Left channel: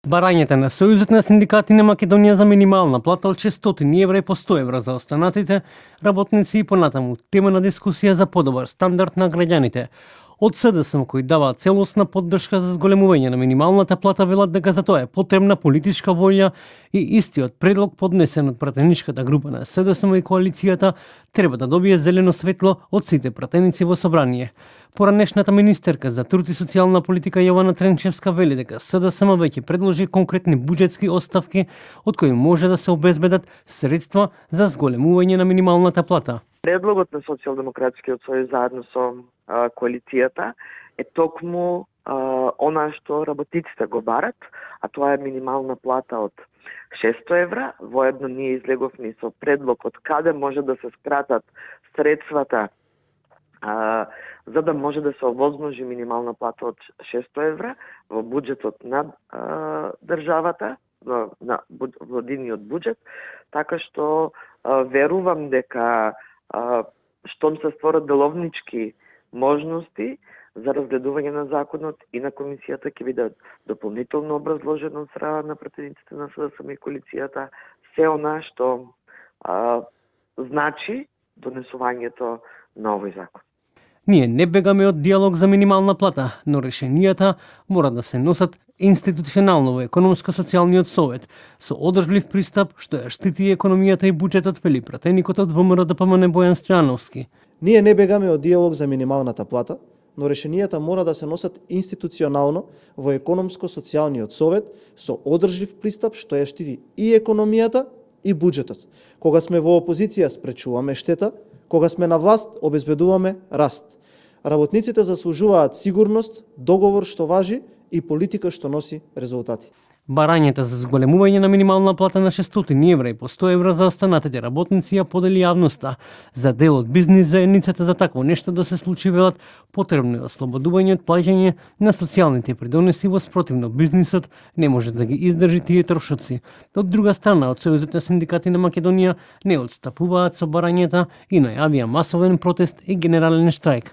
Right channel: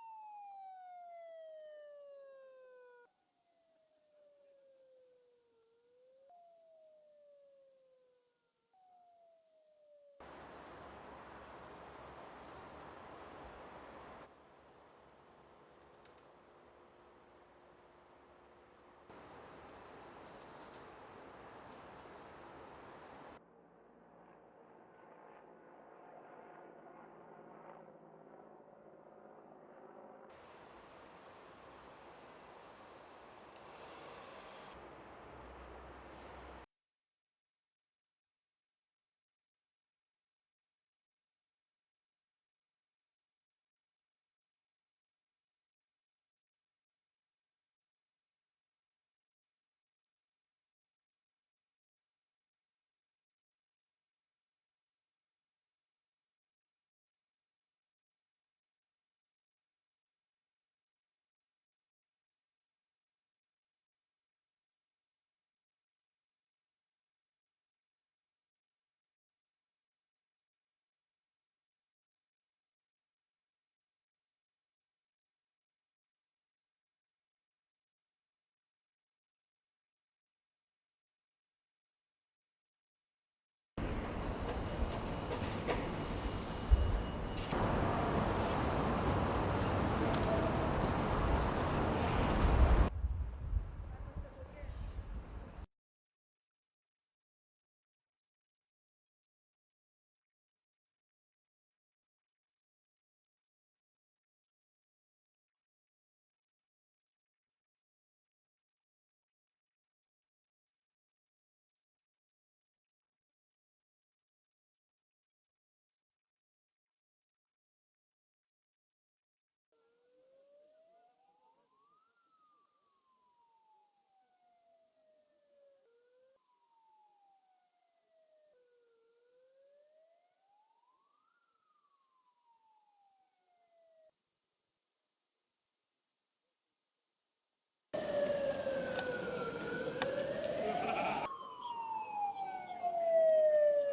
Барањата на Сојузот на синдикати на Македонија за минимална плата од 600 евра и по 100 евра за останатите работници и понатаму тема на дискусија за подобар стандард на граѓаните. Од СДСМ кои даваат целосна поддршка за зголемување на минималната плата велат дека за тоа е потребна политичка волја и истиот предлог поднесен од пратеничката група на СДСМ и коалицијата треба да добие зелено светло од сите пратеници во собрание. Поранешната министерка за труд и социјална политика Јована Тренчевска вели дека СДСМ веќе предложи конкретни буџетски отставки од кои може да се обезбедат средства за зголемување на минималната плата. Предлогот на Социјалдемократскиот сојуз заедно со коалицијата е токму она што работниците го барат, а тоа е минимална плата од 600 евра. Воедно ние излеговме со предлог од каде може да се скратат средствата за да може да се овозможи минимална плата од 600 евра во буџетот на државата, на владиниот буџет, така што верувам дека штом се створат деловнички можности за разгледување на законот и на комисијата ќе биде дополнително образложено од страна на пратениците на СДСМ и коалицијата се она што значи донесувањето на овој закон. Ние не бегаме од диалог за минимална плата, но решенијата мора да се носат институционално во економско-социјалниот совет, со одржлив пристап што ја штити економијата и буџетот, вели пратеникот од ВМРО-ДПМНЕ Бојан Стојановски. Ние не бегаме од диалог за минималната плата, но решенијата мора да се носат институционално во економско-социјалниот совет со одржлив пристап што ја штити и економијата и буџетот. Кога сме во опозиција спречуваме штета, кога сме на власт обезбедуваме раст. Работниците заслужуваат сигурност, договор што важи и политика што носи резултати. Барањата за зголемување на минимална плата на 600 евра и по 100 евра за останатите работници ја подели јавноста. За дел од бизнис заедницата за такво нешто да се случи велат потребно е ослободување од плаќање на социјалните придонеси, во спротивно бизнисот не може да ги издржи тие трошоци. Од друга страна, од Сојузот на синдикати на Македонија не отстапуваат со барањата и најавија масовен протест и генерален штрајк.